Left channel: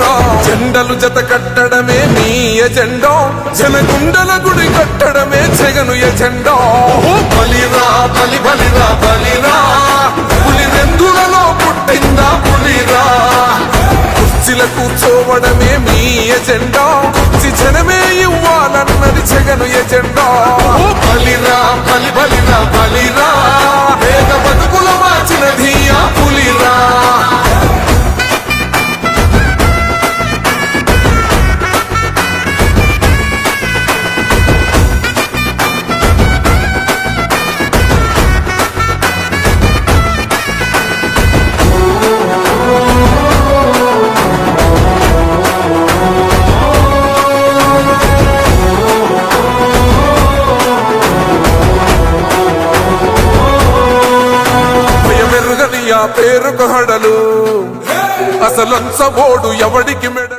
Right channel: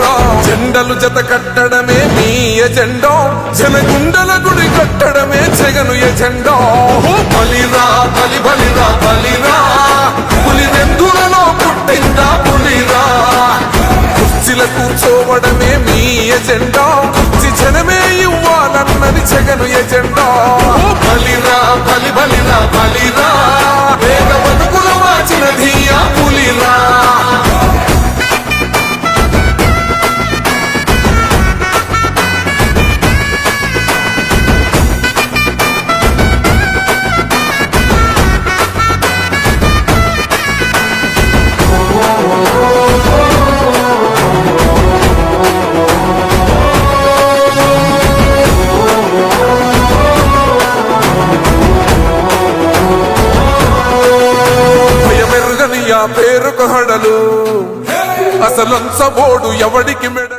బలిరా జెండలు జత కట్టడమే మీ ఎజెండా జనగుండల గుడి కట్టడమే జగను ఎజెండా బలిరా బలిరా బలిరా పులి వెందులలో పుట్టిందా పులిరా కుర్చీల కూర్చోవడమే మీ ఎజెండా కుర్చీ జనమే ఇవ్వాలన్నది జగను ఎజెండా బలిరా బలిరా బలిరా పేద బతుకుల మార్చినది ఆ పులిరా మెరుగని ఆ పేరుకు హడలు అసలంచబోడు ఎవడికి మెడ